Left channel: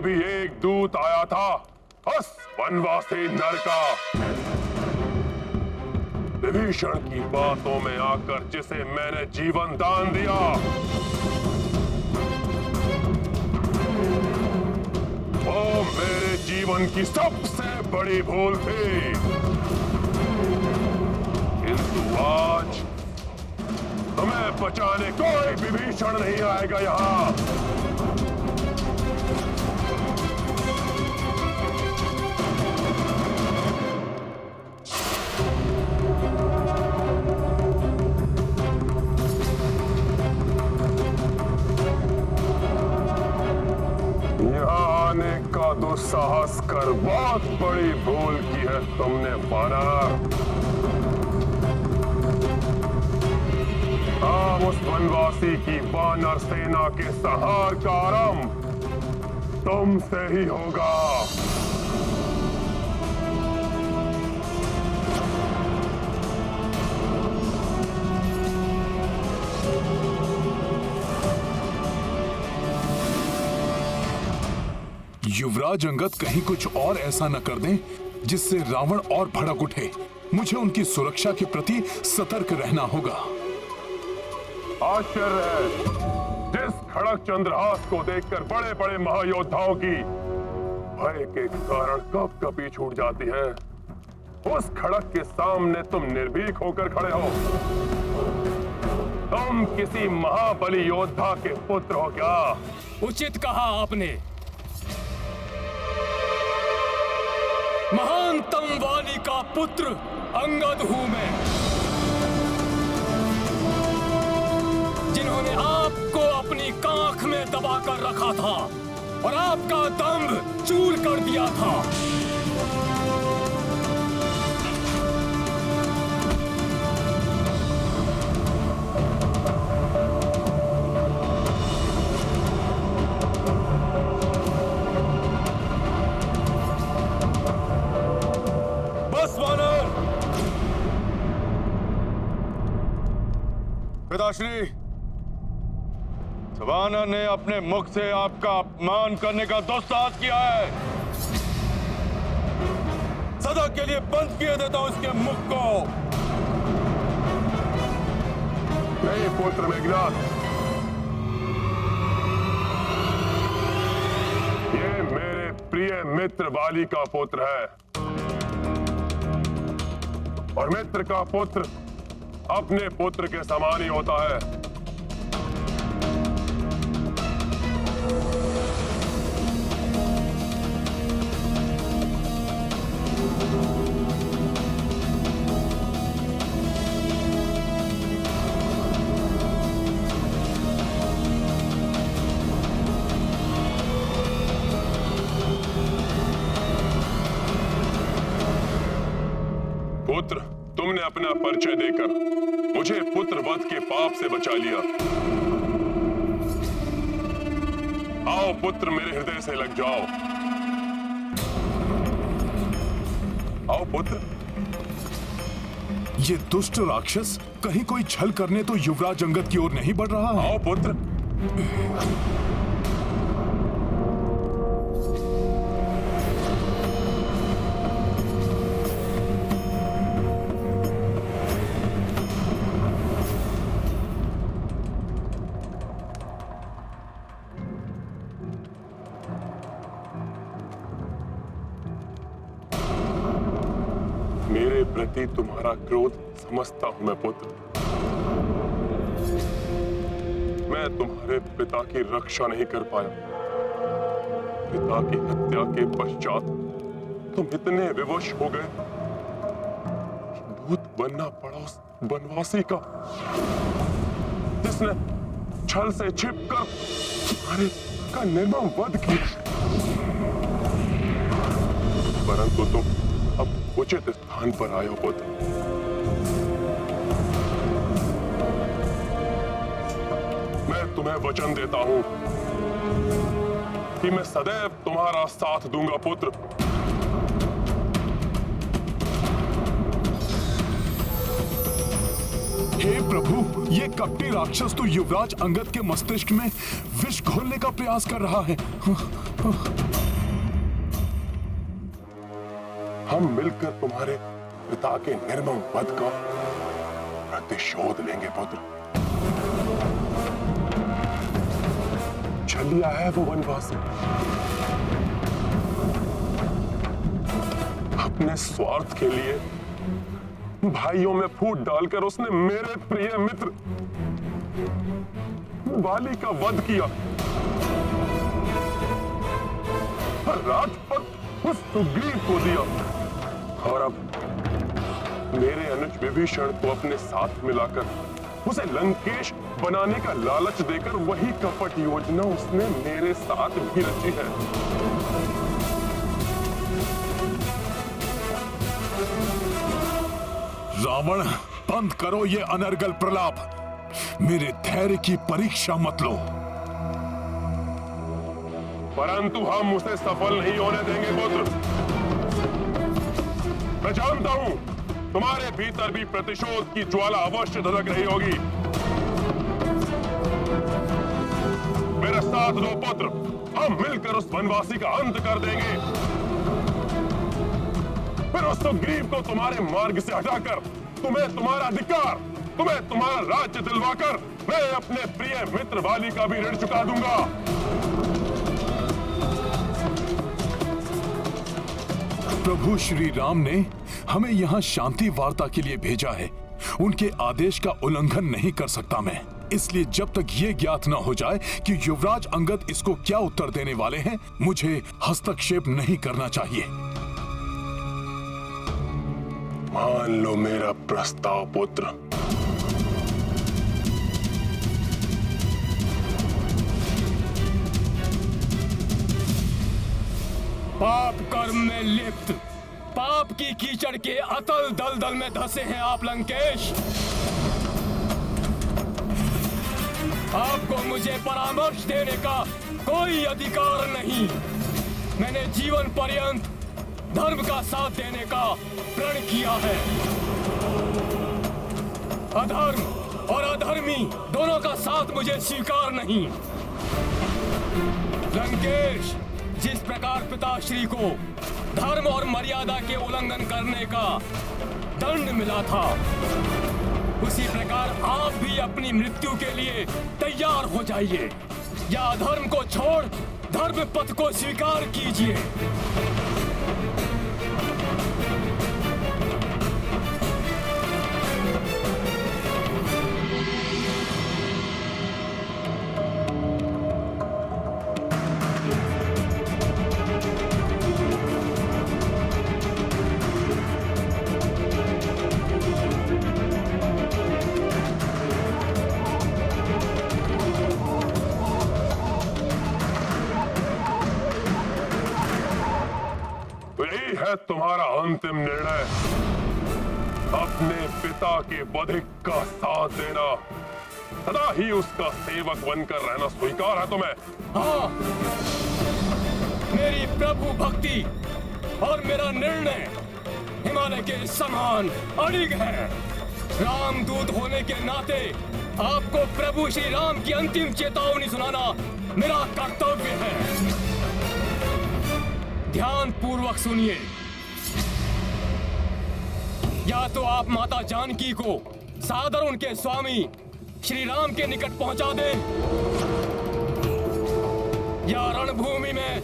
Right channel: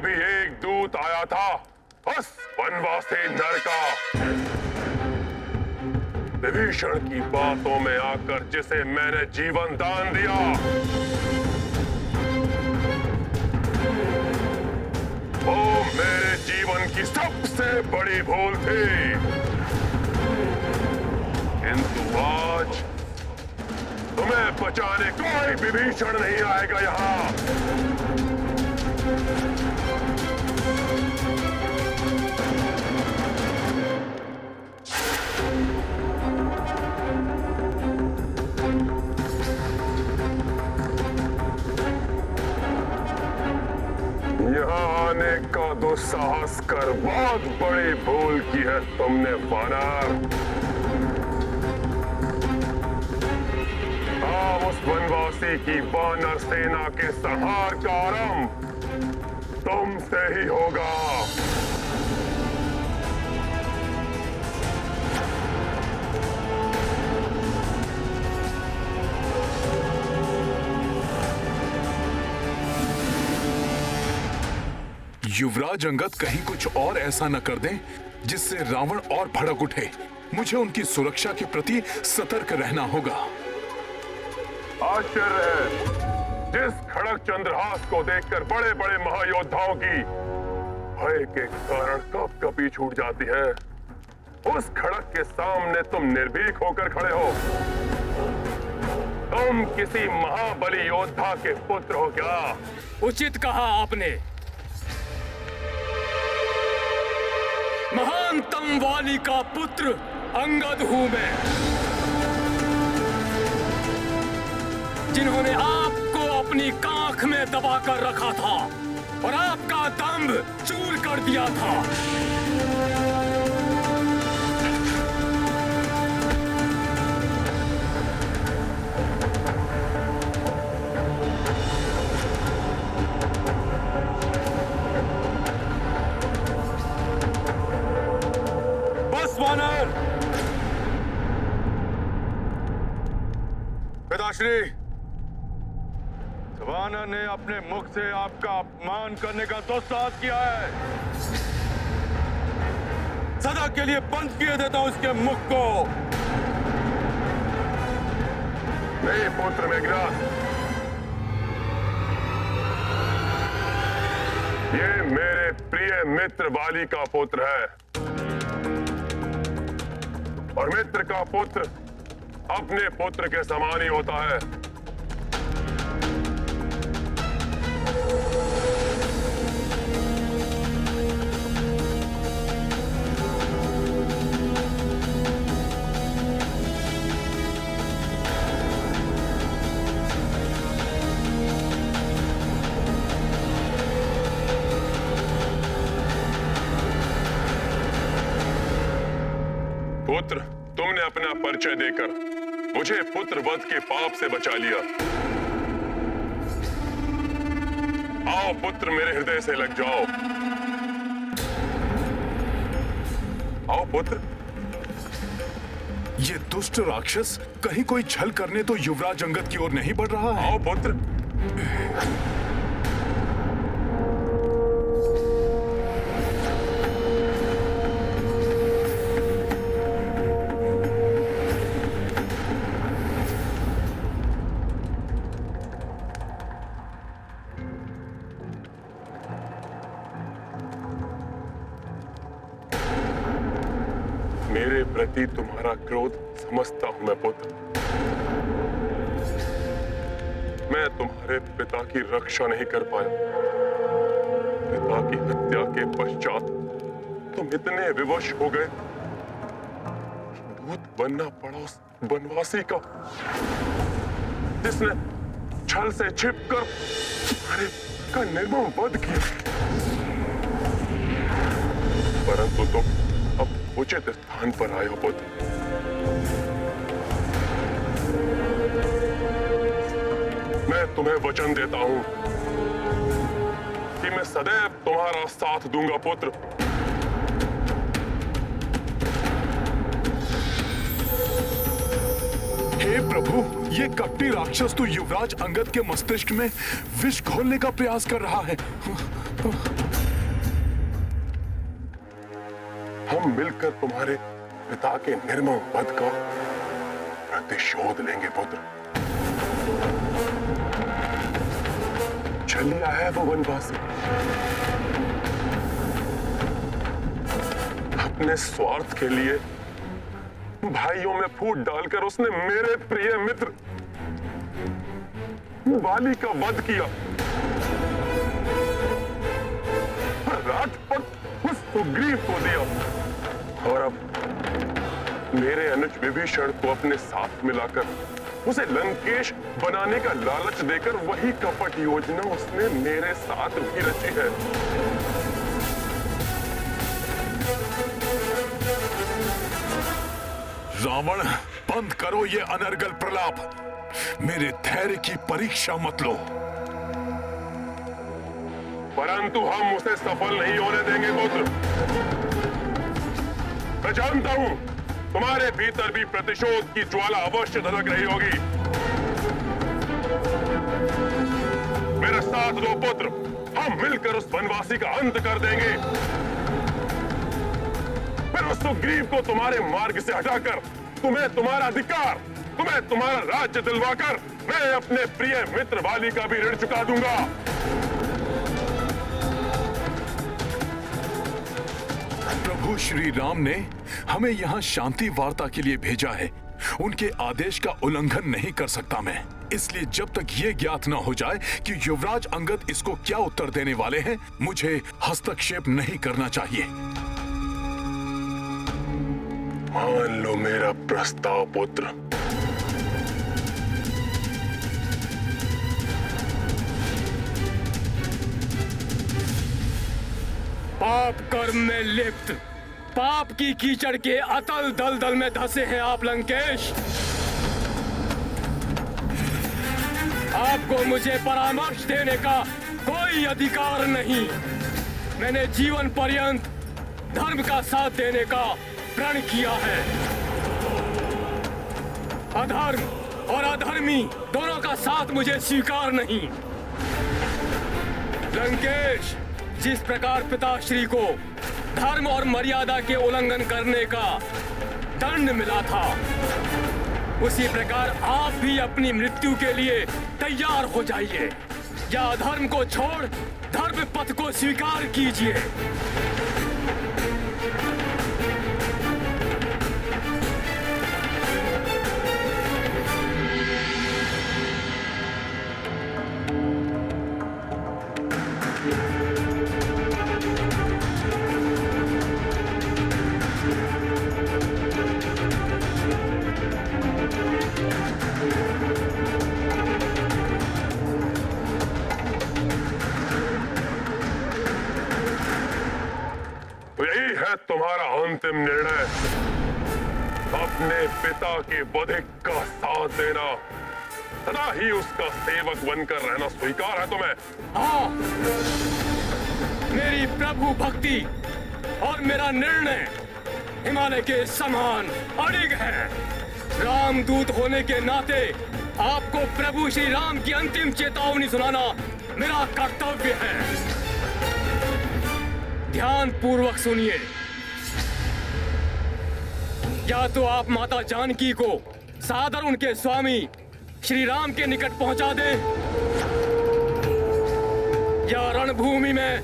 लिए भी एक दूत आया था, बस वनवासी नर का। विभीषण की बातों में आकर जिसे मैंने जीवन दान दिया, वो मेरे जीवन की सबसे बड़ी भूल थी। किंतु आज तुम्हें बचाने कोई विभीषण नहीं आएगा यहां। यहाँ आने का दुस्साहस कर बहुत बड़ी भूल की है तुमने वानर। अब उस वनवासी की वानर सेना के संहार का आरंभ तुमसे ही होगा। युवराज अंगद कहीं कुछ और ऐसा न कर दें जिससे रावण और भड़क उठे। मुझे उनकी सुरक्षा के प्रति सतर्क रहना होगा। आश्चर्य है, जिस खड़क चंद्रहास को देखकर बड़े बड़े महायोद्धाओं की भय के कारण कब कभी छूट जाती है, उस खड़क के सामने तुम निर्भीक होकर खड़े हो। तुम किसी महाबली योद्धा के पुत्र हो क्या? उचित कहा आपने। महानतम वाली का पुत्र अंगद हूं मैं, जिन्होंने आपको अपनी कांख में दबाकर रखा था और आपका दंभ चूर कर दिया था। बस वानर! पिताश्री, वानर ने अपने मुख से आपका अपमान करने का दुस्साहस किया है। सदा के लिए बंद किए देता हूं इसके मुख को। नहीं पुत्र मेघनाद, ये मेरे प्रिय मित्र वाली का पुत्र है, और मित्र का पुत्र अपने पुत्र के समान ही होता है। पुत्र, तुमने अपना परिचय देकर मुझे पुत्र वध के पाप से बचा लिया। आओ पुत्र, मेरे हृदय से लग जाओ। आओ पुत्र। ये दुष्ट राक्षस कहीं कोई छल करने तो युवराज अंगद की ओर नहीं बढ़ रहा है। आओ पुत्र। मेरे प्रति तुम्हारा क्रोध समझता हूं मैं पुत्र। मैं तुम्हारे पिता की रक्षा नहीं कर पाया। पिता की हत्या के पश्चात तुम इतने विवश हो गए कि दूत बनना पड़ा उस वनवासी का, जिसने छल से छिपकर तुम्हारे का निर्मम वध किया। परंतु तुम अब उचित स्थान पर आए हो पुत्र। मैं तुम्हें वचन देता हूं कि मैं सदैव तुम्हारा साथ दूंगा पुत्र। हे प्रभु, ये कपटी राक्षस तो युवराज अंगद के मस्तिष्क में विष घोलने का प्रयास कर रहा है। हम मिलकर तुम्हारे पिता के निर्मम वध का प्रतिशोध लेंगे पुत्र। चलिया है वो वनवासी, अपने स्वार्थ के लिए भाइयों में फूट डालकर उसने मेरे प्रिय मित्र वाली का वध किया और राजपद उस सुग्रीव को दिया, और अब मेरे अनुज विभीषण को अपने साथ मिलाकर उसे लंकेश बनाने का लालच देकर वही कपट योजना उसने मेरे साथ भी रची है। रावण, बंद करो ये अनर्गल प्रलाप। मेरे धैर्य की परीक्षा मत लो। परंतु हम उसे सफल नहीं होने देंगे पुत्र। मैं जानता हूं तुम्हारे भीतर भी प्रतिशोध की ज्वाला अवश्य धधक रही होगी। मेरा साथ दो पुत्र, हम मिलकर उस वनवासी का अंत कर देंगे। फिर उस सुग्रीव को तुम्हारे मार्ग से हटाकर तुम्हें तुम्हारा अधिकार, तुम्हें तुम्हारा राज्य दिलवाकर मैं अपने प्रिय मित्र वाली का भी ऋण चुका दूंगा। प्रभु श्री राम ने हमें यहाँ शांति वार्ता के लिए भेजा है। उनके आदेश का उल्लंघन नहीं कर सकता मैं। इसलिए जब तक ये ज्ञात न हो जाए कि युवराज अंगद इसको क्या उत्तर देने वाले हैं, मुझे हस्तक्षेप नहीं करना चाहिए। मान लो मेरा प्रस्ताव पुत्र। पाप कर्म में लिप्त, पाप की कीचड़ के अतल दलदल में धंसे हैं आप लंकेश। आपको मुझे परामर्श देने का कोई अधिकार नहीं। मैंने जीवन पर्यंत धर्म का साथ देने का प्रण किया है। अधर्म और अधर्मी दोनों का साथ मुझे स्वीकार नहीं। लंकेश, जिस प्रकार पिताश्री को धर्म और मर्यादा के उल्लंघन करने का दंड मिला था, उसी प्रकार आप भी अपनी मृत्यु के लिए तैयार हो जाइए, या धर्म को छोड़ धर्म पथ को स्वीकार कीजिए। है तुम्हारा अंतिम निर्णय। अपने पिता के वधिक का साथ देना, सदा ही उसका सेवक बनकर रहना स्वीकार है तुम्हें? हाँ, मेरी प्रभु भक्ति और मेरा निर्णय हिमालय के समान अड़िग है। रामदूत होने के नाते आपको प्रभु श्री राम की अंतिम चेतावनी सुनाना मेरा कर्तव्य है। ध्यान पूर्वक सुनिए। या तो आप माता जानकी को सादर उनके स्वामी श्री राम के निकट पहुंचा दें, या रणभूमि में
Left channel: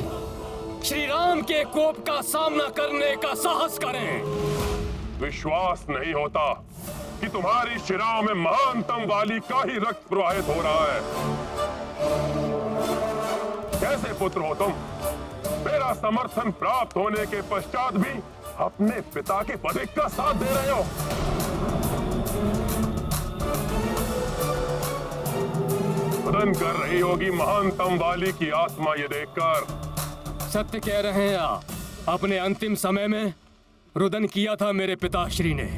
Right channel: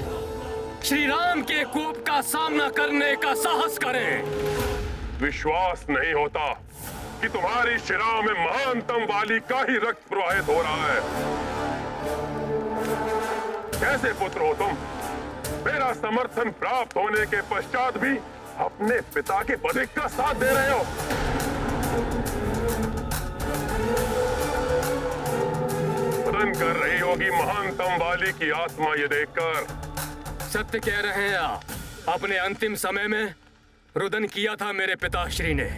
श्री राम के कोप का सामना करने का साहस करें। विश्वास नहीं होता कि तुम्हारी शिराओं में महानतम वाली का ही रक्त प्रवाहित हो रहा है। कैसे पुत्र हो तुम? मेरा समर्थन प्राप्त होने के पश्चात भी अपने पिता के वधिक का साथ दे रहे हो। रुदन कर रही होगी महानतम वाली की आत्मा ये देखकर। सत्य कह रहे हैं आप। अपने अंतिम समय में रुदन किया था मेरे पिताश्री ने।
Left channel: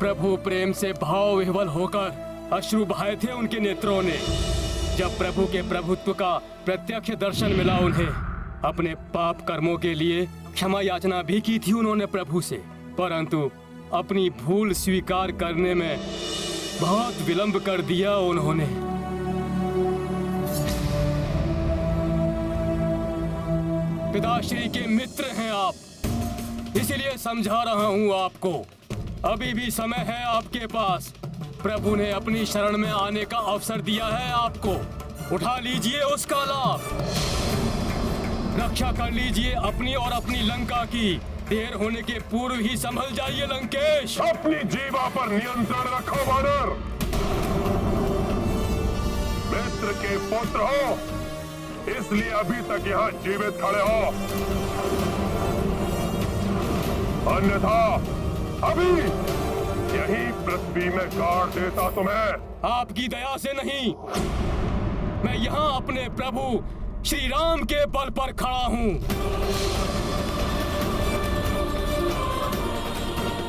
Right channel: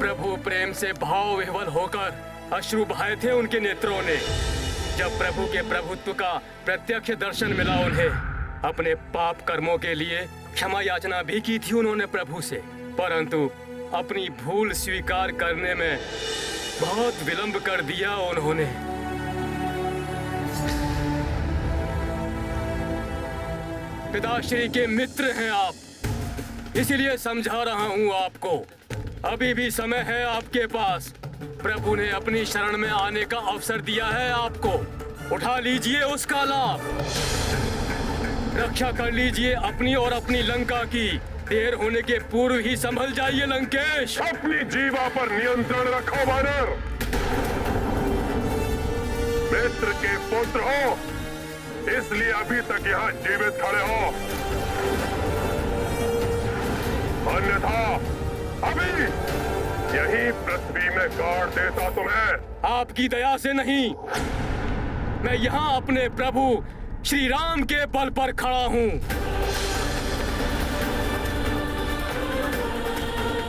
प्रभु प्रेम से भाव विह्वल होकर अश्रु बहाए थे उनके नेत्रों ने। जब प्रभु के प्रभुत्व का प्रत्यक्ष दर्शन मिला उन्हें, अपने पाप कर्मों के लिए क्षमा याचना भी की थी उन्होंने प्रभु से, परंतु अपनी भूल स्वीकार करने में बहुत विलंब कर दिया उन्होंने। पिताश्री के मित्र हैं आप, इसीलिए समझा रहा हूँ आपको। अभी भी समय है आपके पास। प्रभु ने अपनी शरण में आने का अवसर दिया है आपको। उठा लीजिए उसका लाभ। रक्षा कर लीजिए अपनी और अपनी लंका की। देर होने के पूर्व ही संभल जाइए लंकेश। अपनी जीवा पर नियंत्रण रखो वानर। मित्र के पुत्र हो, इसलिए अभी तक यहाँ जीवित खड़े हो, अन्यथा अभी यही पृथ्वी में गाड़ देता तुम्हें। आपकी दया से नहीं, मैं यहाँ अपने प्रभु श्री राम के बल पर खड़ा हूँ।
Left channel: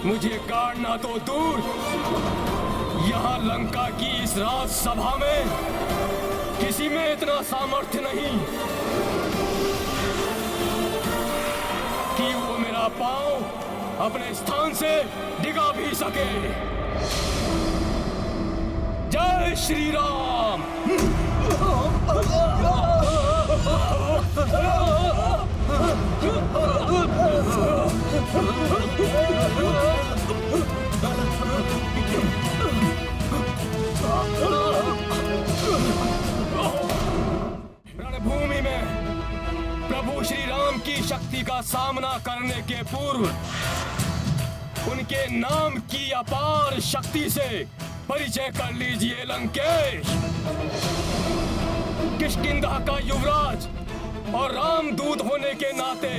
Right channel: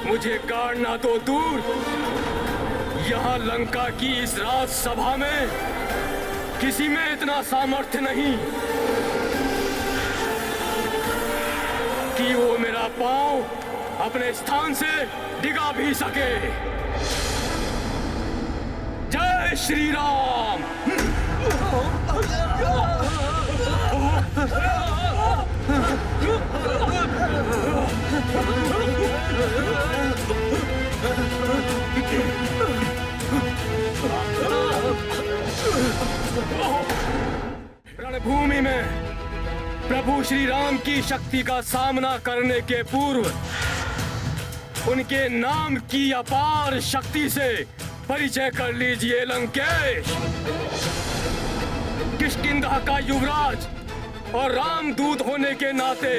मुझे गाड़ना तो दूर, यहाँ लंका की इस राज सभा में किसी में इतना सामर्थ्य नहीं कि वो मेरा पांव अपने स्थान से डिगा भी सके। जय श्री राम। रणभूमि में प्रभु श्री राम की शक्ति का सामना करने के पूर्व उनके नाम की अपार शक्ति से परिचय कर लीजिए लंकेश। किष्किंधा का युवराज और रामदूत होने के नाते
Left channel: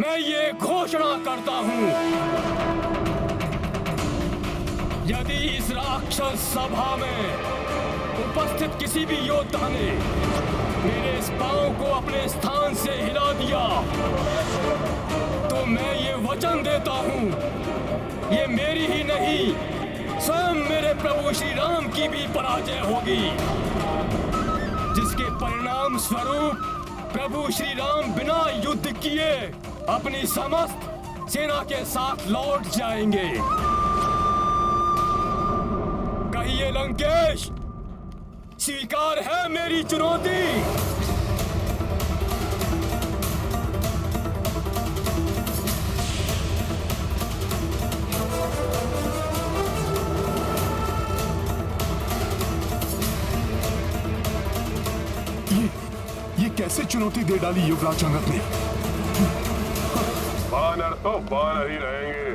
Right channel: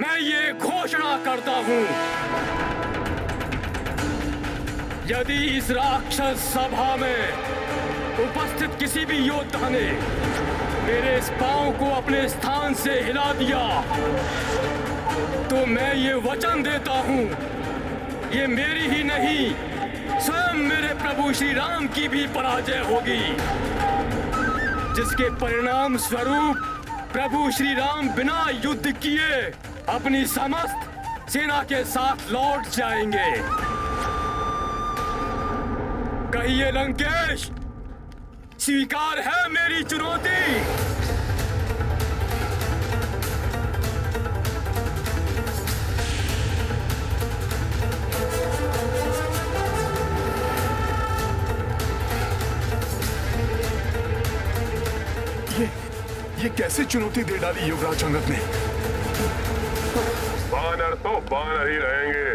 मैं ये घोषणा करता हूं, यदि इस राक्षस सभा में उपस्थित किसी भी योद्धा ने मेरे इस पांव को अपने स्थान से हिला दिया तो मैं ये वचन देता हूं, ये मेरी ही नहीं स्वयं मेरे प्रभु श्री राम की भी पराजय होगी, जिसके परिणाम स्वरूप प्रभु श्री राम बिना युद्ध किए अपनी समस्त सेना के साथ लौट जाएंगे। कहिए लंकेश, स्वीकार है मेरी चुनौती? ये कैसे चुनौती दे डाली युवराज अंगद ने? वानर तो वानर ही रहेंगे।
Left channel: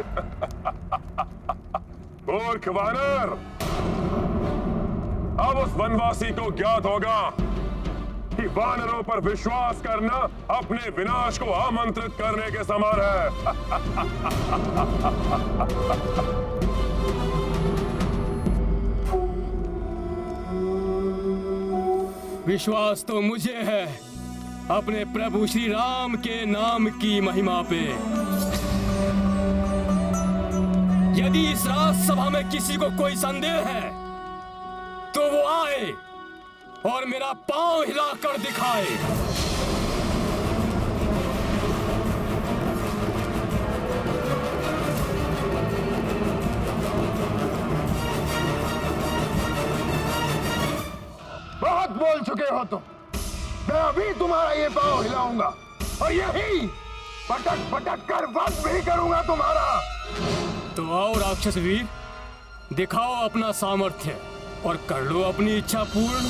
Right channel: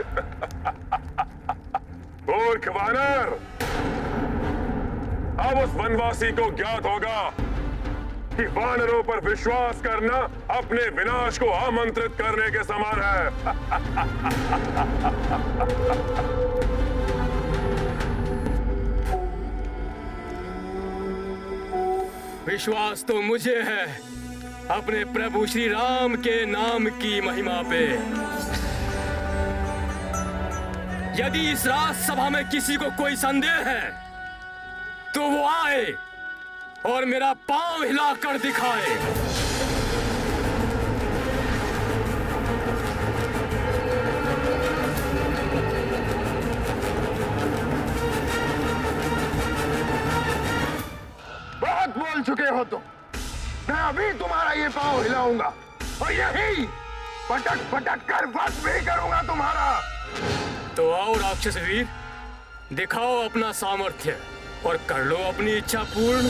मूर्ख वानर, अब उस वनवासी को ज्ञात होगा कि वानरों पर विश्वास करना अपने विनाश को आमंत्रित करने के समान है। विश्वास तो मुझे है अपने प्रभु श्री राम के नाम की महिमा पे। यदि इस राज सभा में किसी को कोई संदेह है तो वो आए और मेरा पांव हिलाकर दिखाए। बहुत बोल चुके हो तुम। मैं अभी तुम्हारा ये पांव हिलाऊंगा और यही पटक पटक कर वध भी करूंगा तुम्हारा। तो आओ राक्षस वीर, दिखाओ अपना सामर्थ्य और कर लो अपनी इच्छा पूर्ण।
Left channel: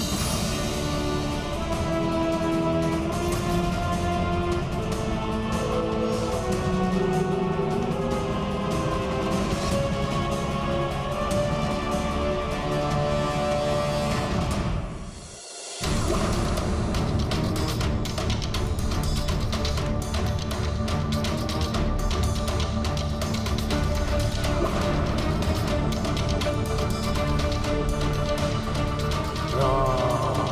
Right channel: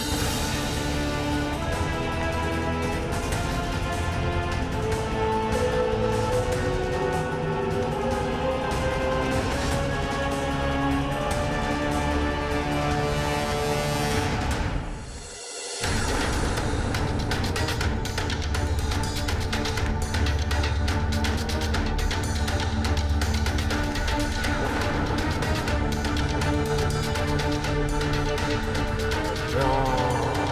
राम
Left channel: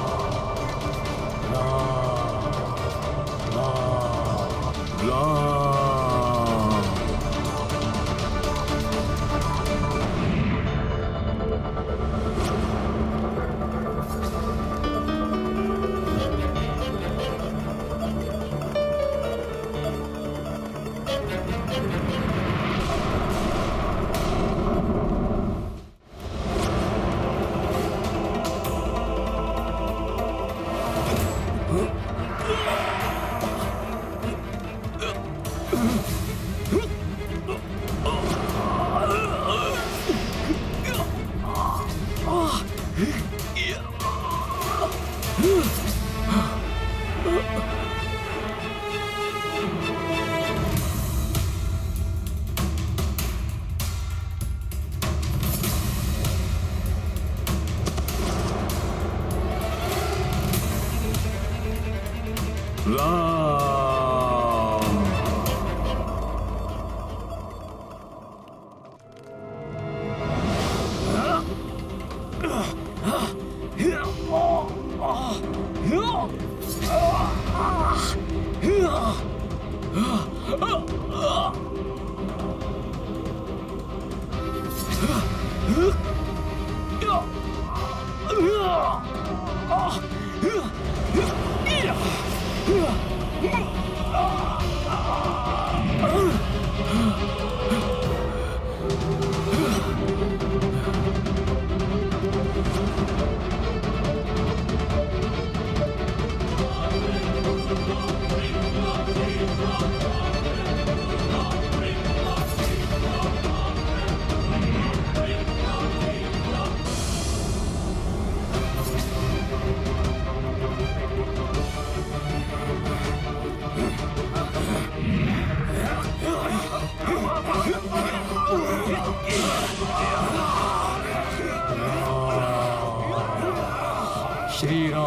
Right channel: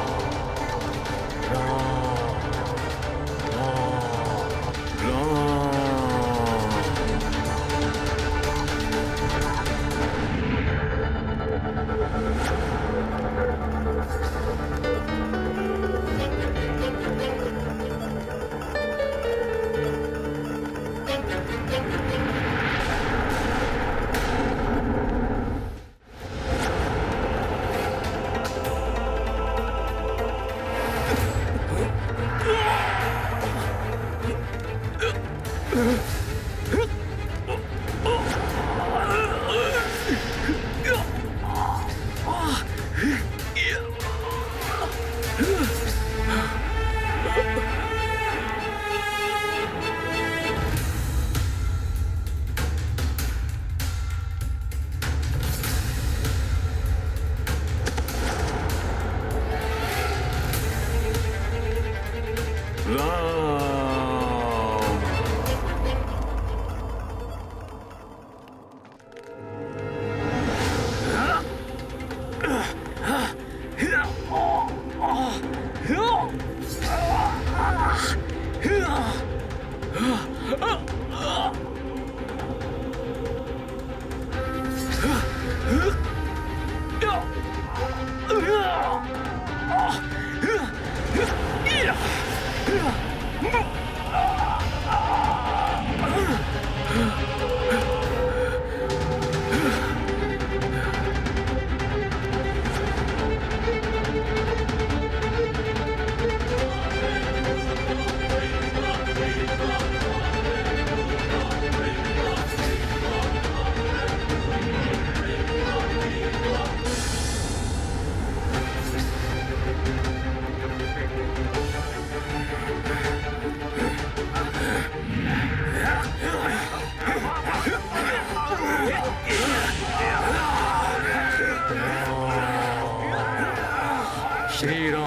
श्री राम,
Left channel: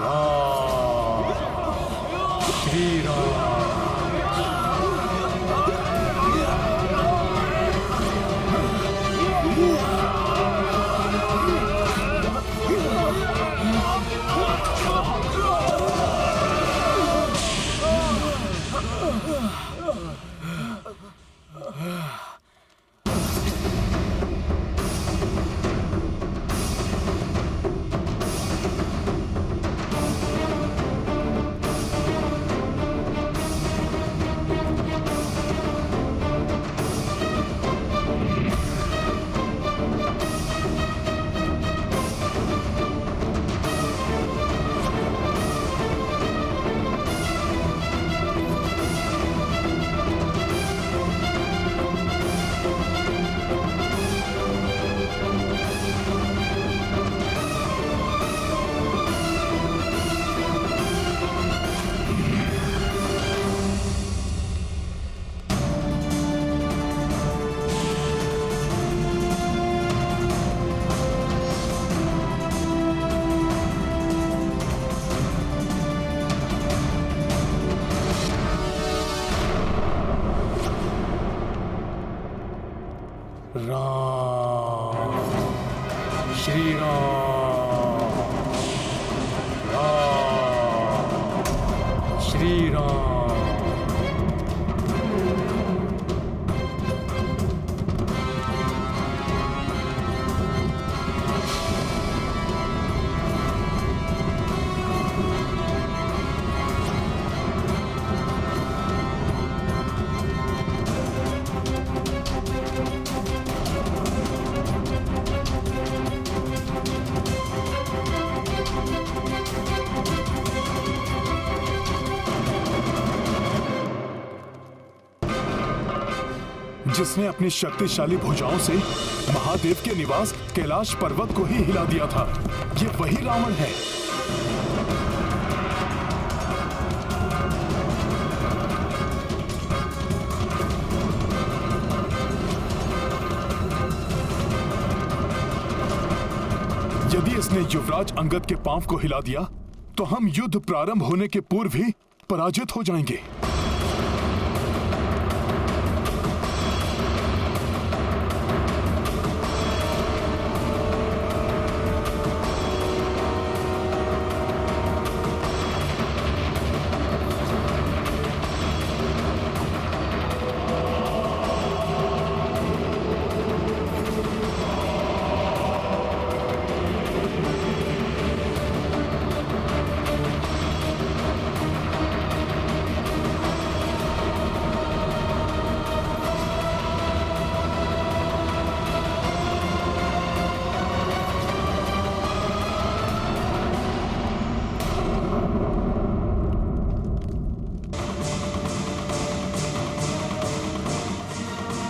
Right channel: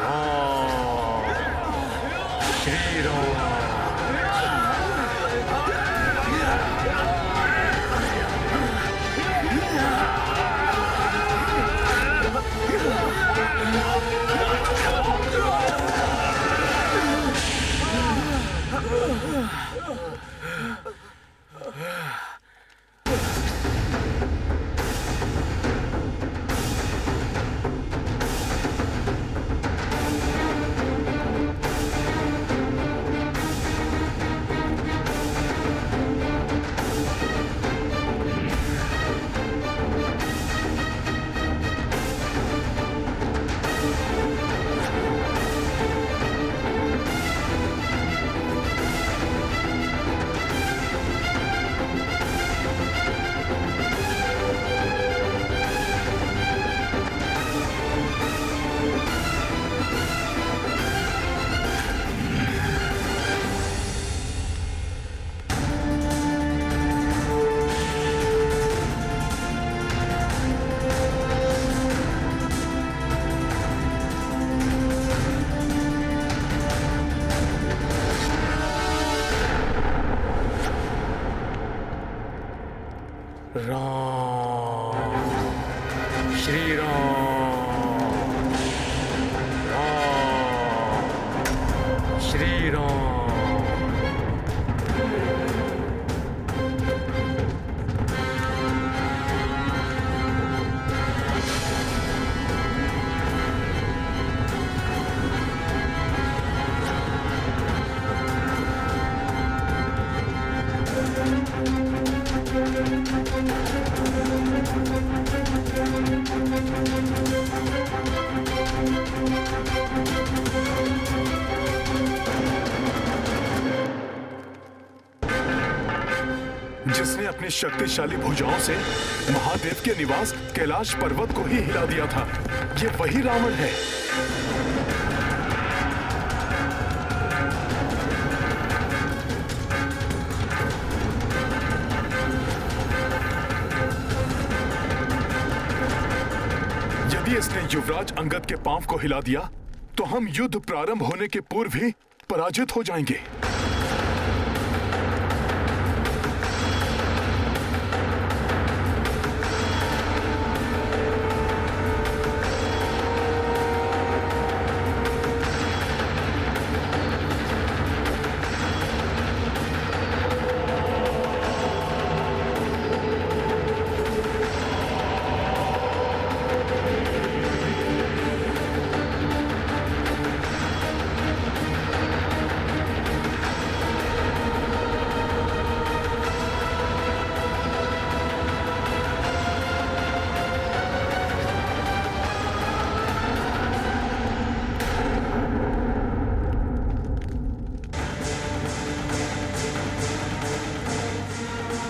राम, श्री राम। राम, श्री राम, राम, श्री राम। जिसने अपनी शक्तिशाली भुजाओं से महादेव के निवास कैलाश पर्वत को ही हिला दिया था, ये वही रावण है। यदि इसने युवराज अंगद के पांव को हिला दिया तो हम युद्ध प्रारंभ होने के पूर्व ही पराजित हो जाएंगे।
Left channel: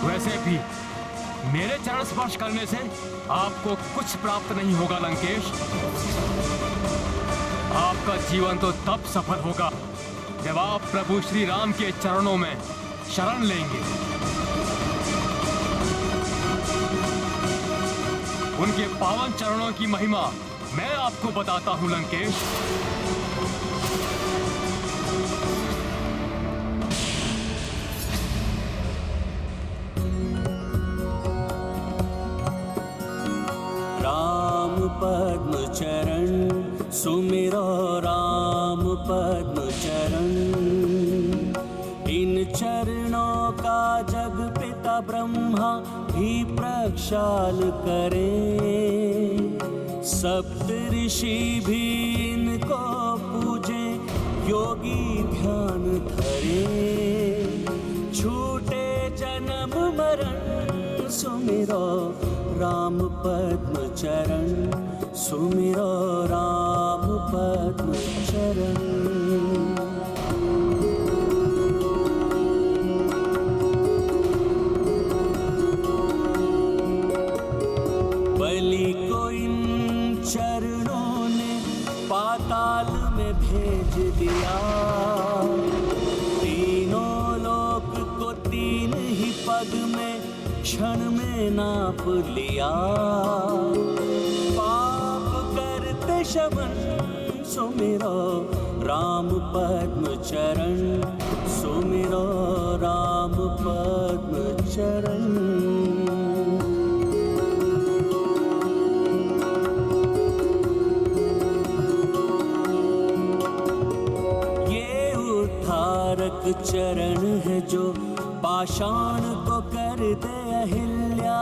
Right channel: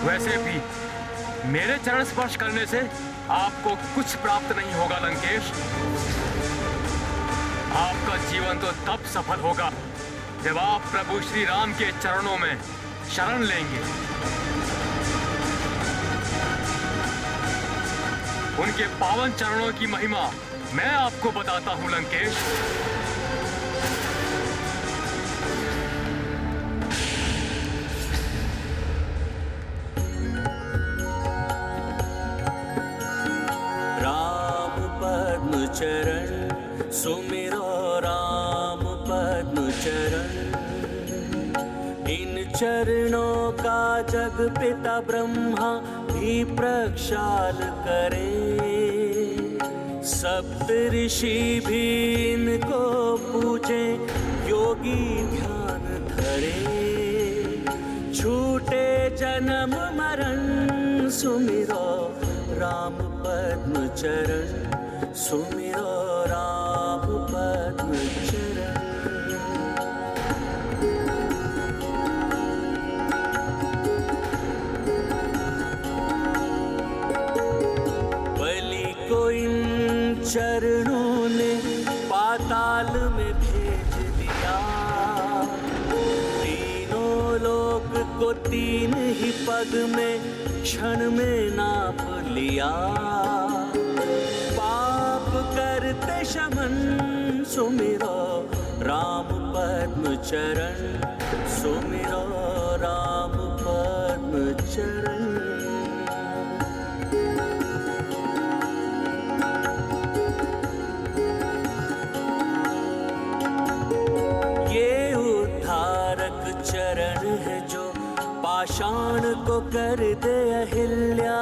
वैसे भी मेरे चरण स्पर्श करने से आपको कुछ प्राप्त नहीं होगा लंकेश। आपका जीवन तो तब सफल होगा जब आप प्रभु श्री राम के चरणों में शरण लेंगे। उनके पावन चरणों की महिमा मैं आपको बताता हूं लंकेश। पद्म चरण सुमिरो राम पद्म चरण, इन चरणों का जग पिता ब्रह्मा भी प्रक्षाल करें। सप्त ऋषि भी इनको पूजे, योगी ध्यान धरे। छूटे जन्म मरण सुमिरो राम पद्म चरण, सुमिरो राम पद्म चरण। बलि को इन चरणों ने पाताल में भेज दिया। तीनों लोक को तीन ही पग में क्षण में नाप लिया। पाप करते शमन सुमिरो राम पद्म चरण, सुमिरो राम पद्म चरण। चरण है जो पाषाण को कर दे अहिल्या।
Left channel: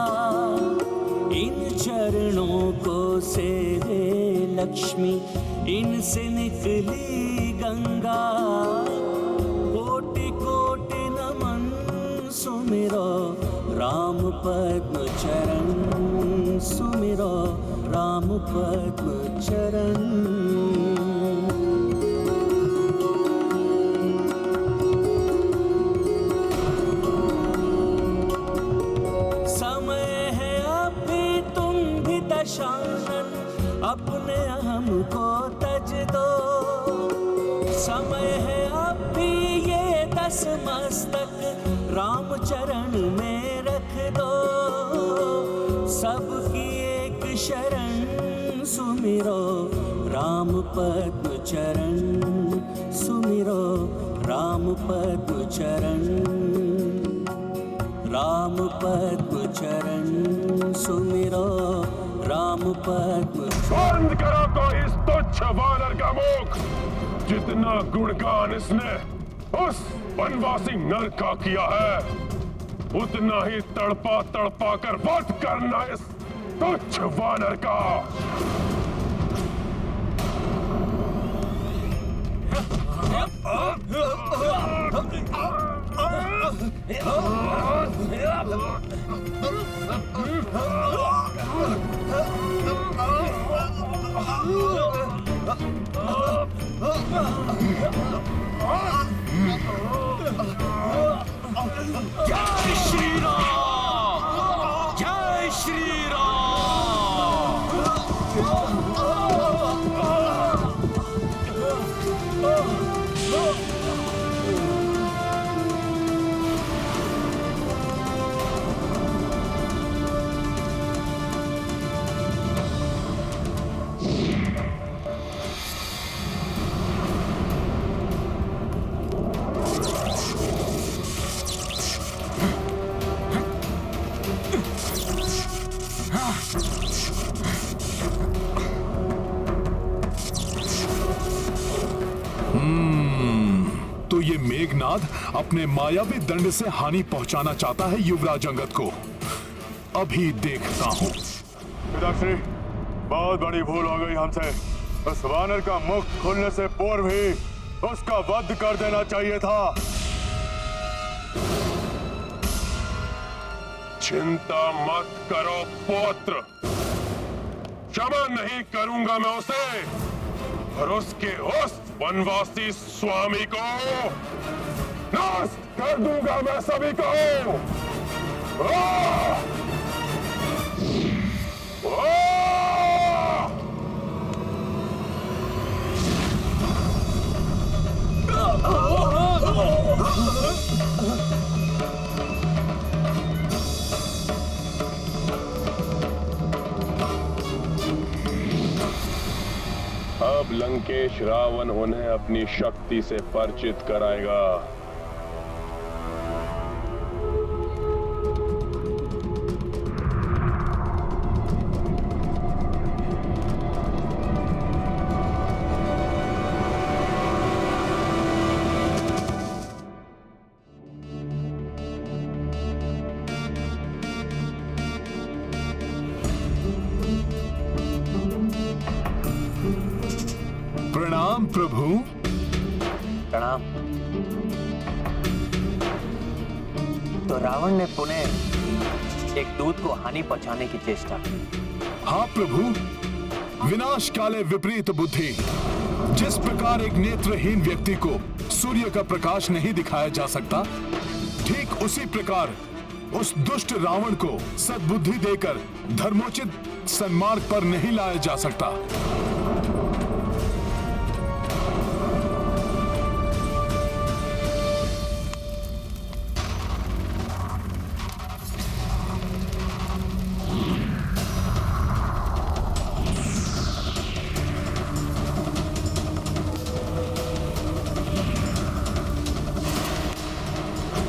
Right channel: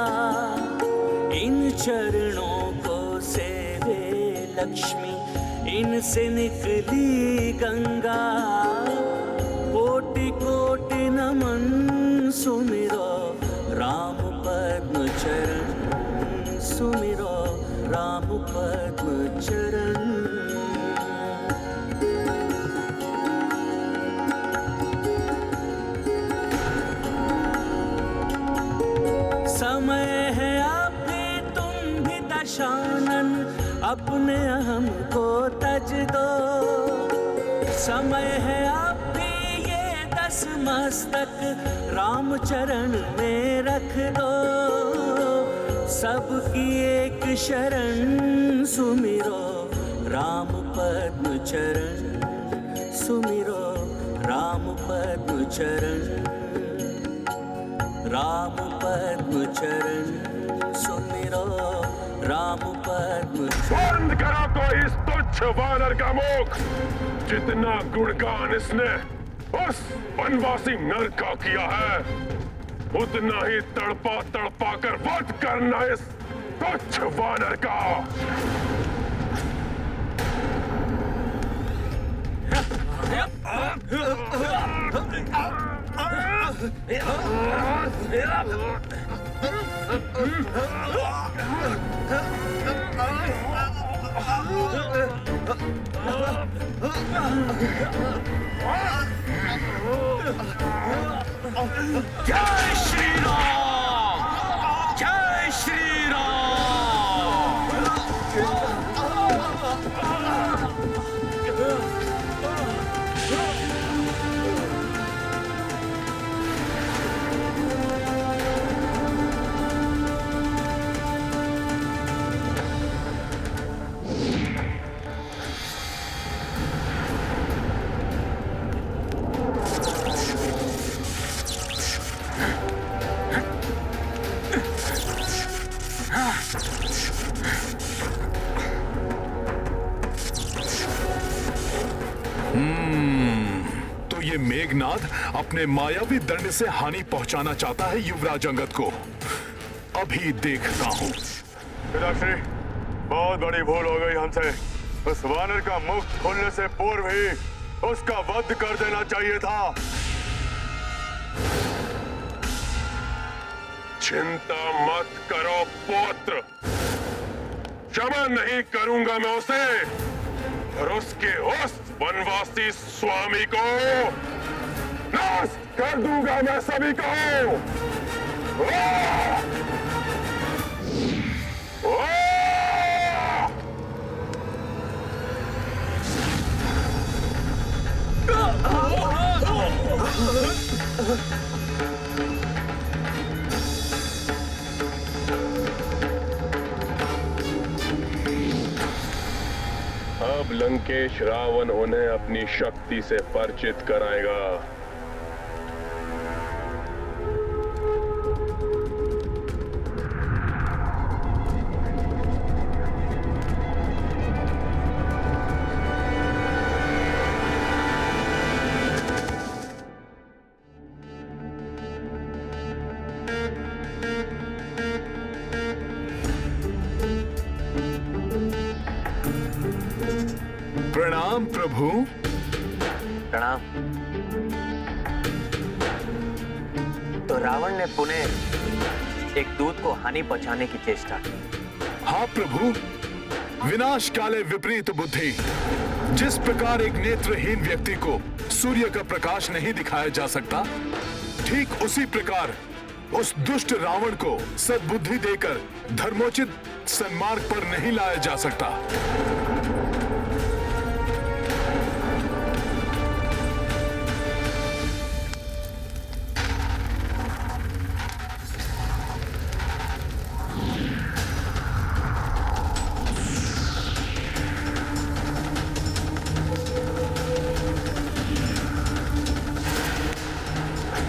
इन चरणों को सेवे लक्ष्मी, इनसे निकली गंगा। कोटि कोटि नमन सुमिरो राम पद्म चरण, सुमिरो राम पद्म चरण। समय है अभी तुम भी दशानन, अपने अहम को तज दो। समय है अभी ये 10 मस्तक राम चरण में रख दो। सबकी एक शरण सुमिरो राम पद्म चरण, सुमिरो राम पद्म चरण। राम पद्म चरण सुमिरो राम पद्म। बंद करो कोई इस तुच्छ वानर का मुख। जितना गुणगान इसने उस वनवासी नर का किया है, उतना ही तड़पा तड़पा कर वध करना इस तुच्छ वानर का। जय श्री राम, जय श्री राम। तो ये मेघनाद अपने मायावी दंड से हानि पहुंचाना चाहता है युवराज अंगद को। अभी देखता हूं। पिताश्री, बहुत बड़ी भूल हो गई हमसे। उस वानर का मुख खुलने से पूर्व ही उसका वध कर देना चाहिए था। चिंता मत करो पुत्र, क्षमा नहीं करूंगा मैं उसे और उसके उस वनवासी स्वामी को नाश कर दूंगा मैं सभी को। अब लंकेश रावण उन्हें अपनी शक्ति से परिचित कराएगा। प्रणाम प्रभु। प्रणाम। तो रावण ने पुनः एक दूत को हानि पहुंचाने की चेष्टा की। हाँ प्रभु, विनाश काले विपरीत बुद्धि। जिस प्रकार एक नेत्रहीन व्यक्ति को सूर्य का प्रकाश नहीं दिखाया जा सकता, ठीक उसी प्रकार उस दुष्ट रावण को सद्बुद्धि देकर धर्मोचित सन्मार्ग पर नहीं लाया जा सकता।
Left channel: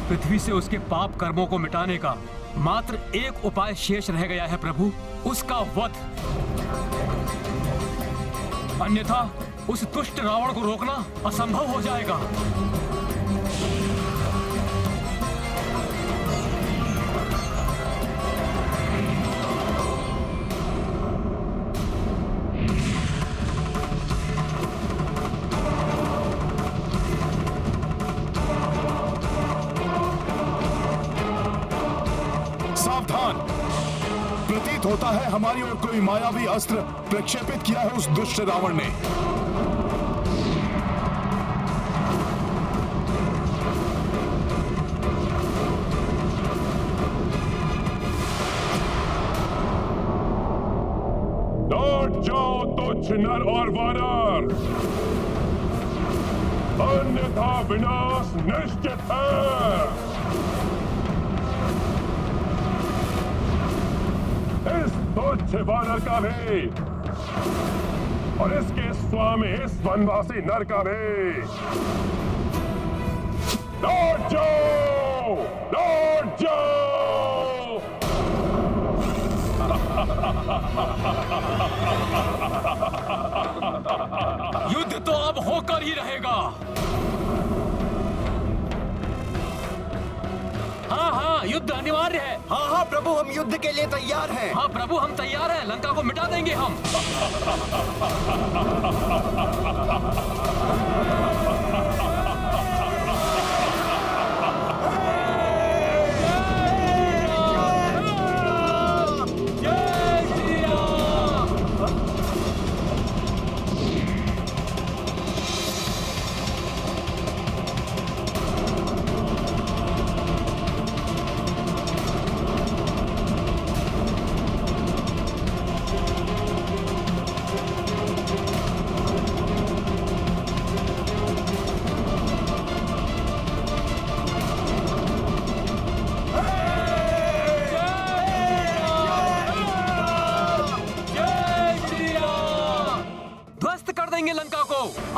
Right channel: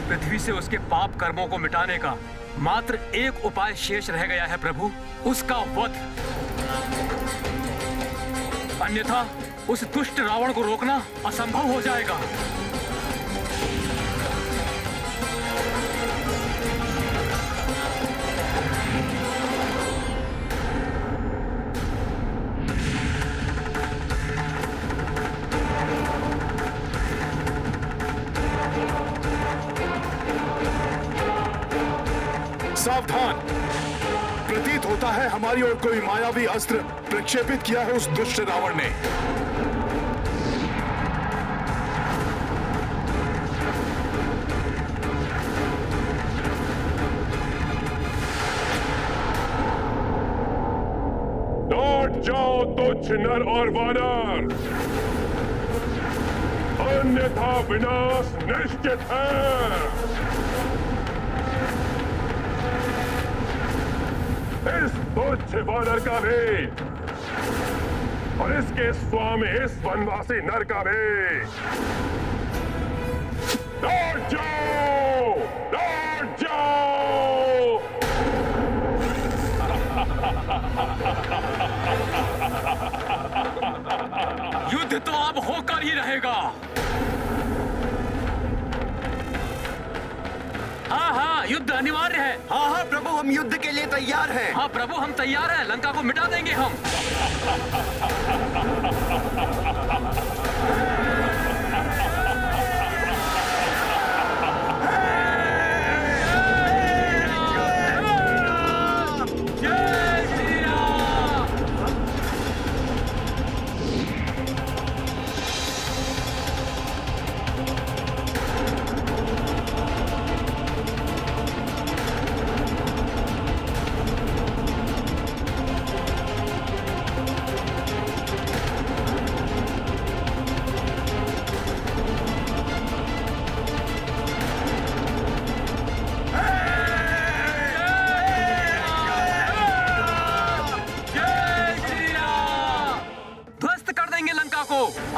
पृथ्वी से उसके पाप कर्मों को मिटाने का मात्र एक उपाय शेष रह गया है प्रभु, उसका वध। अन्यथा उस दुष्ट रावण को रोकना असंभव हो जाएगा। सावधान! प्रतीत होता है हमारी ओर कोई मायावी अस्त्र प्रक्षेपित किया है उस दुष्ट रावण ने। लौट जाओ तुच्छ नर और वानर, अन्यथा विनाश निश्चित है। इस तुच्छ वानर का भी और इसके स्वामी इस वनवासी नर का भी लौट जाओ, लौट जाओ। युद्ध तो अब होकर ही रहेगा। हाँ हाँ, युद्ध अनिवार्य है। हाँ हाँ प्रभु, हम युद्ध के लिए तैयार हैं। हाँ प्रभु, हम तैयार हैं। लंका को मिटा देंगे हम।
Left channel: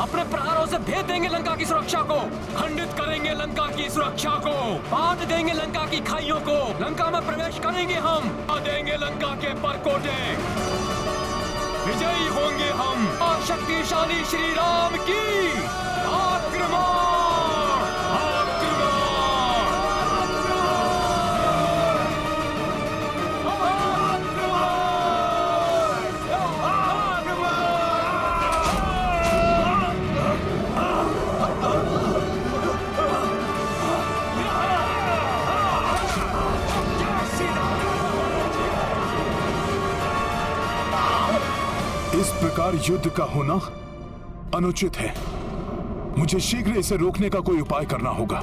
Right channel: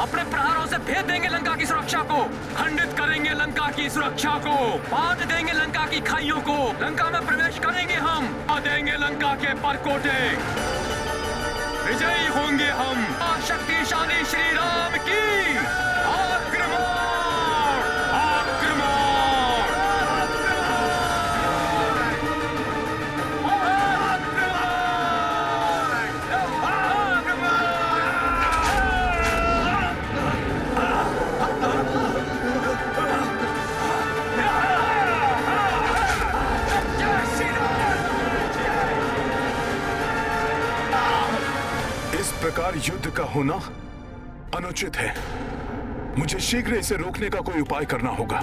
अपने प्रहारों से भेद देंगे लंका की सुरक्षा को, खंडित करेंगे लंका की सुरक्षा को, बांट देंगे लंका की खाइयों को, लंका में प्रवेश करेंगे हम, आ देंगे लंका के परकोटे, विजयी होंगे हम। शक्तिशाली श्री राम की आक्रमण, आक्रमण। इस प्रकार युद्ध का होना अनुचित है। मुझे शीघ्र इसे रोकने का कोई उपाय करना होगा।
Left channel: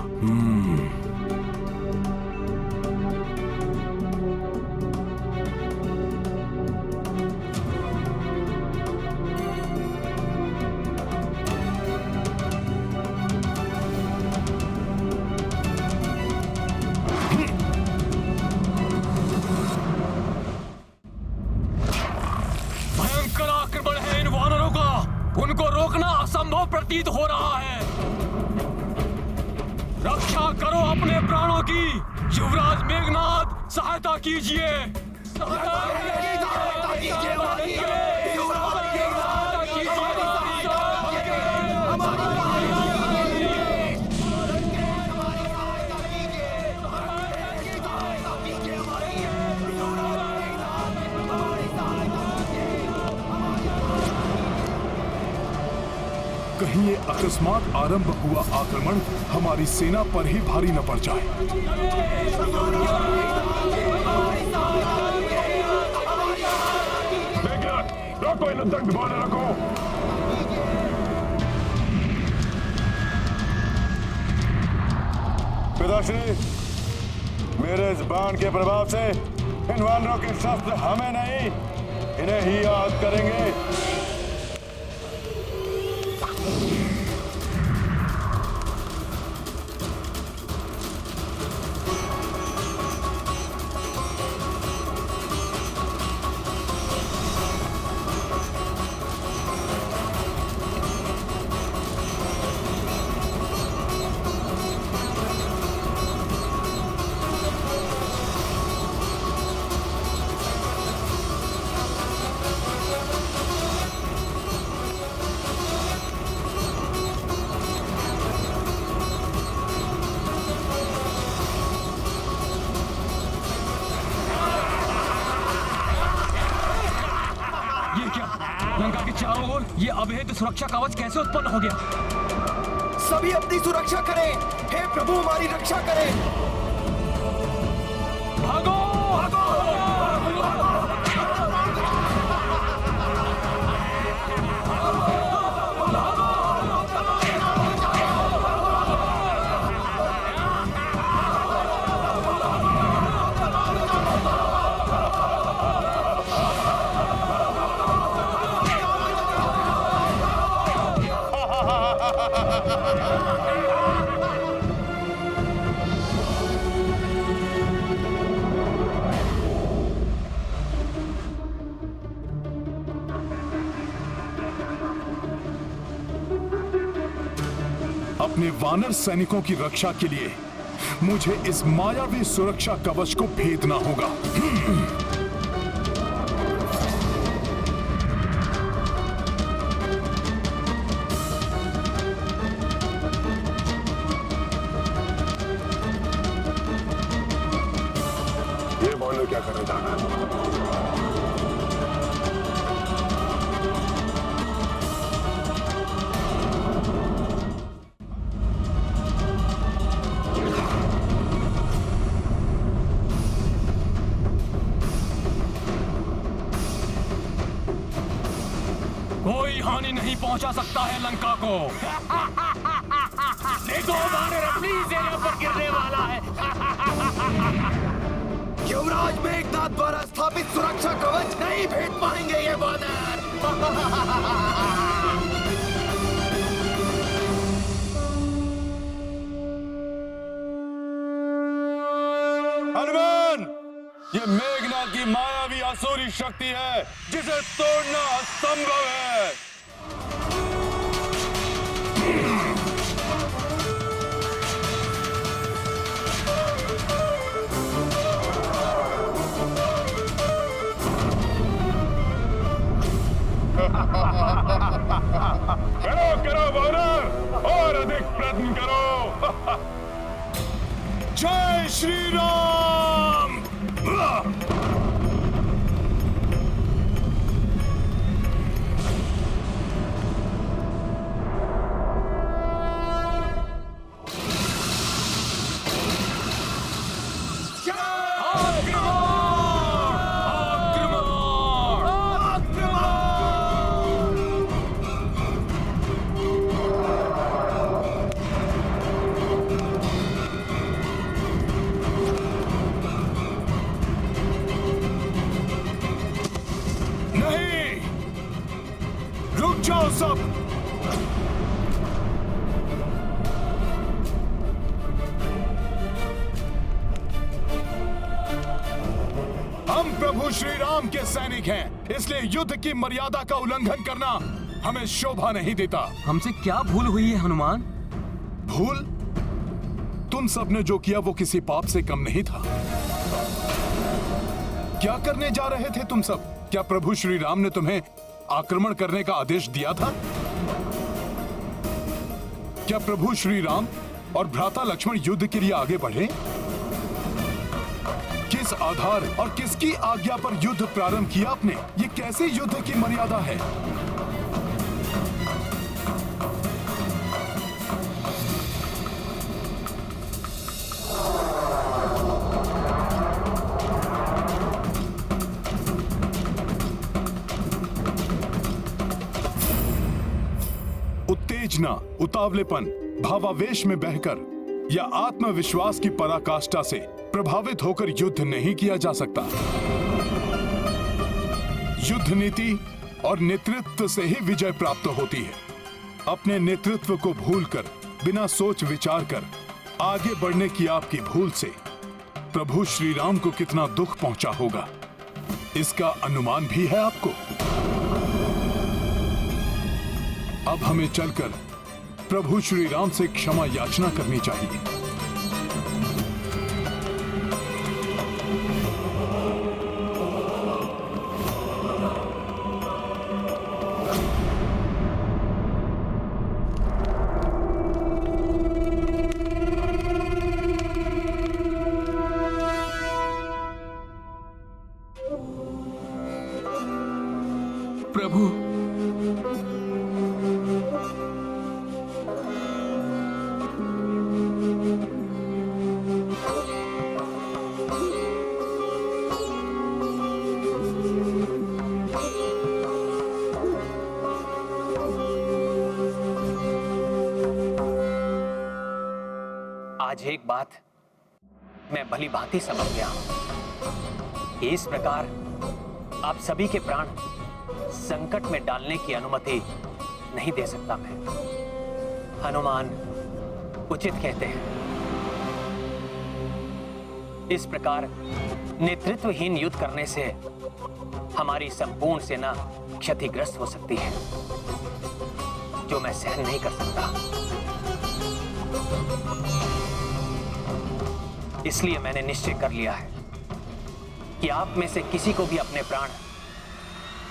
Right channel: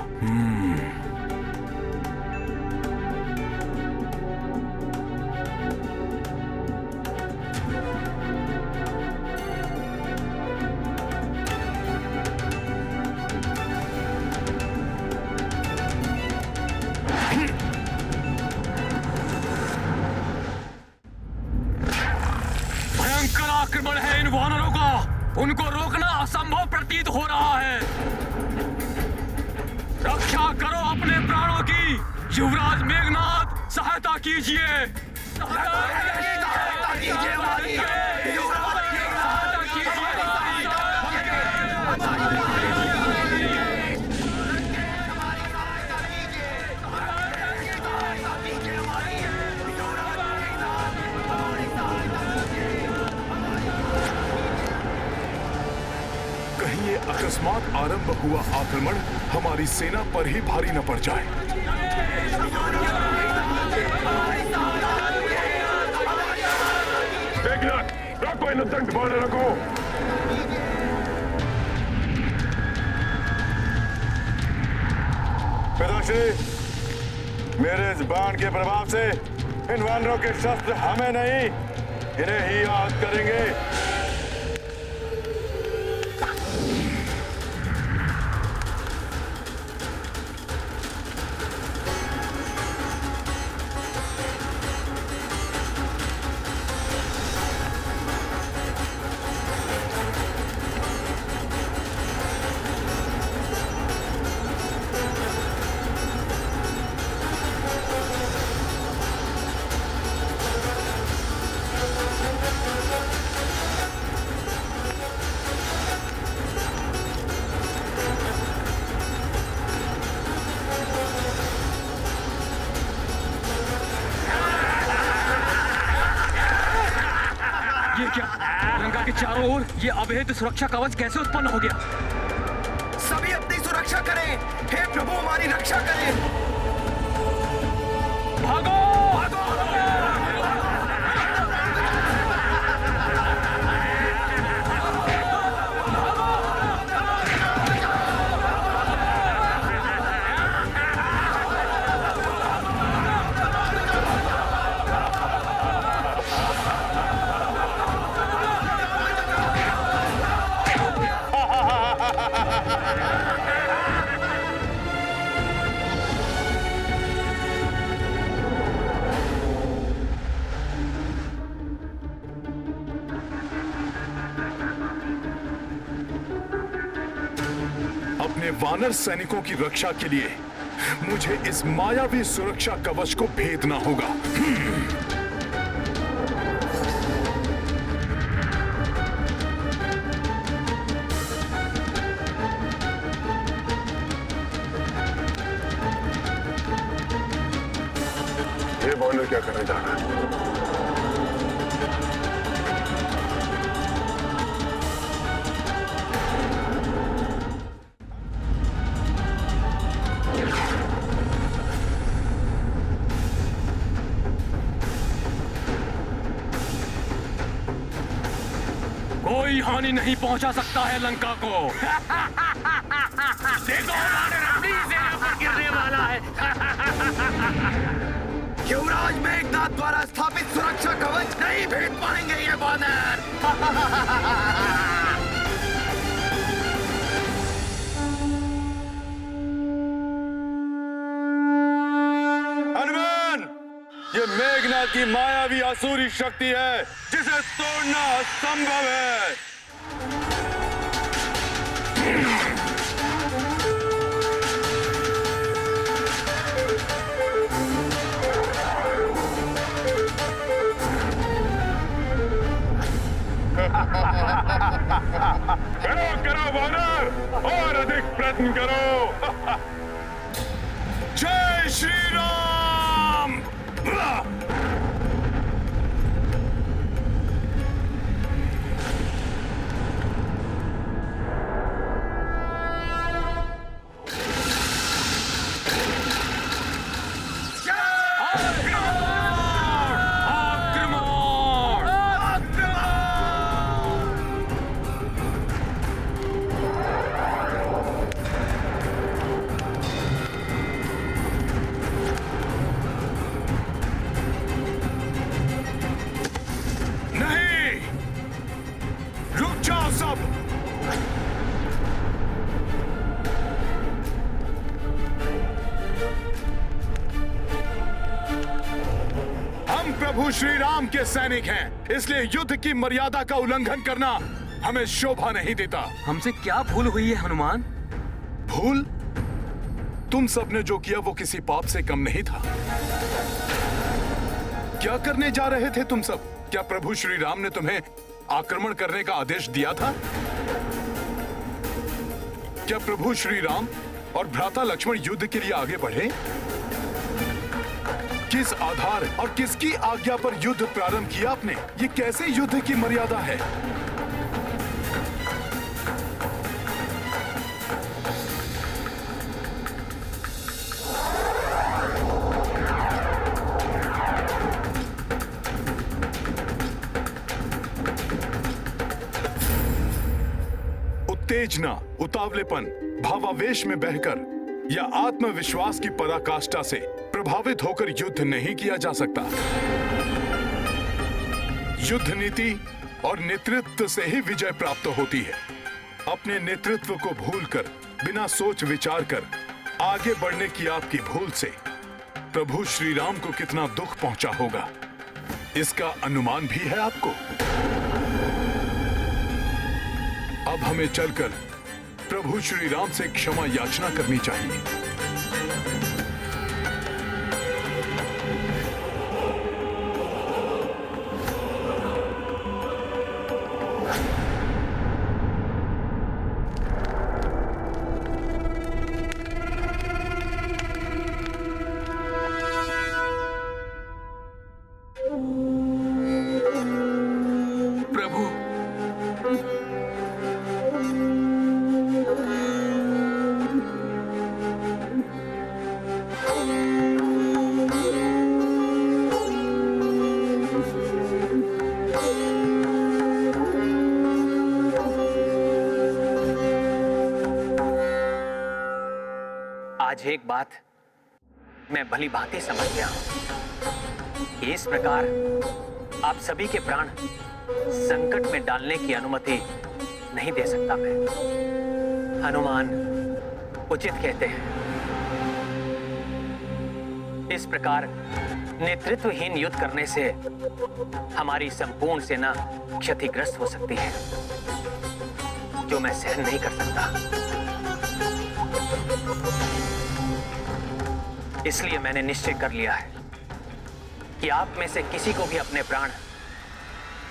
आक्रमण है इन वानरों का, उनको रोकना असंभव प्रतीत हो रहा है। रक्षा करो अपने प्राणों की, युवराज मेघनाद सहायता कीजिए, सहायता कीजिए हमारी, युवराज मेघनाद कीजिए। कहीं ये अकस्मात आरंभ हुआ आक्रमण हमारी सेना पर ही भारी न पड़ जाए। मेघनाथ, रखो इन दंड बांधे रखो। पिताश्री, मेरे इस बाण के प्रभाव से इन वानरों के शस्त्र हमें नहीं, इन्हें ही आहत करेंगे। ये क्या? लंका के चारों ओर ये अवैध सुरक्षा कवच कैसे उत्पन्न हो गया? सभी अपनी सुरक्षा करें। हे प्रभु, हमारी रक्षा करें। भागो! अपने वानर सैनिकों की रक्षा के लिए मुझे इस मायावी सुरक्षा कवच को भेदना होगा। ये वानर क्या करने जा रहा है? कोई हानि नहीं पहुंचा सकता है लंका को। देखो, वानर अपनी सेना पर गिरने वाला है। युवराज मेघनाथ द्वारा स्थापित सुरक्षा कवच नहीं भेद पाएंगे ये वानर। हनुमान, ये मेघनाथ की मायावी आसुरी शक्ति है जिसे तोड़ना असंभव है। करो करो वानर, और अधिक प्रयत्न करो। जय श्री राम। जाओ सब। हम प्रभु श्री राम के सैनिक हैं, इसलिए युद्ध की मर्यादा का उल्लंघन करना हमें शोभा नहीं देता। हमसे क्या भूल हुई है हनुमान? भूल? तुम सबने जो किया वो किसी पाप से कम नहीं था। क्या करने जा रहे थे तुम सब? क्या प्रभु श्री राम ने तुम्हें आक्रमण करने का आदेश दिया था? क्या प्रभु श्री राम और भ्राता लक्ष्मण युद्ध के लिए आगे बढ़े? किस आधार और किसकी आज्ञा पर युद्ध प्रारंभ किया आपने? ये कैसे युद्ध की मर्यादा है? उत्तेजना, उतावलेपन, भावावेश में बहकर या आत्मविश्वास की पराकाष्ठा से प्रभावित होकर युद्ध नहीं किया जा सकता। युद्ध नीति और नेतृत्व से ही विजय प्राप्त होती है। अपने नेतृत्व को भूलकर, बिना सोच विचार कर आगे बढ़ने की आपकी भूल से प्रभु श्री राम को कितना दुख पहुंचा होगा, इसका अनुमान भी है आपको। अब हमें चलकर प्रभु श्री राम से क्षमा याचना करनी चाहिए। प्रभु, आज एक बात मैं भली भांति समझ गया हूं कि इस प्रकार आप सभी के प्राण संकट में डालने की अनुमति नहीं दे सकता मैं। हनुमान उचित कहते हैं। इस प्रकार नेतृत्वहीन युद्ध करने से हमारी संपूर्ण सेना क्षतिग्रस्त हो सकती है, जो मैं सहन नहीं कर सकता। इसलिए मैंने निश्चय कर लिया है कि आप में से किसी को भी अपने प्राण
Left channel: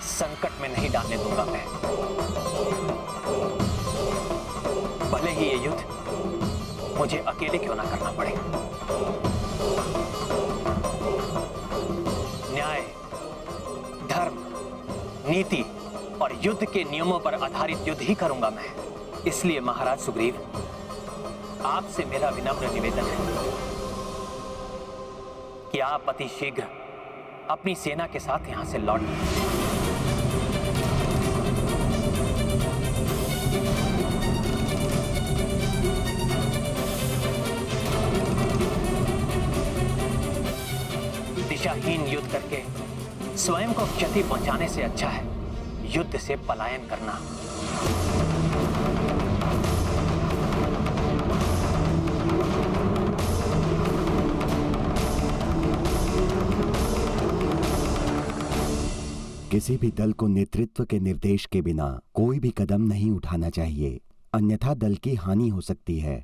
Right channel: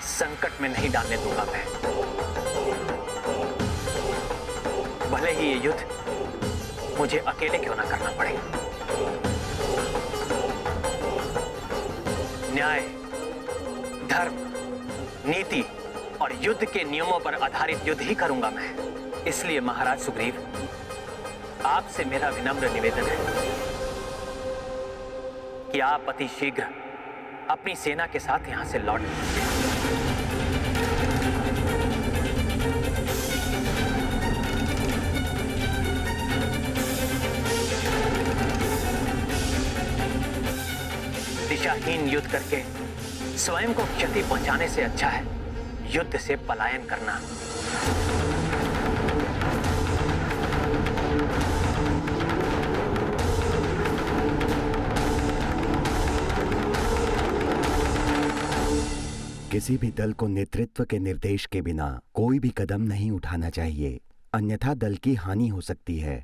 संकट में नहीं डालने दूंगा मैं, भले ही ये युद्ध मुझे अकेले क्यों ना करना पड़े। न्याय, धर्म, नीति और युद्ध के नियमों पर आधारित युद्ध ही करूंगा मैं। इसलिए महाराज सुग्रीव, आपसे मेरा विनम्र निवेदन है कि आप अति शीघ्र अपनी सेना के साथ यहां से लौट दिशाहीन युद्ध करके स्वयं को क्षति पहुंचाने से अच्छा है युद्ध से पलायन करना। किसी भी दल को नेतृत्व के निर्देश के बिना कोई भी कदम नहीं उठाना चाहिए, अन्यथा दल की हानि हो सकती है।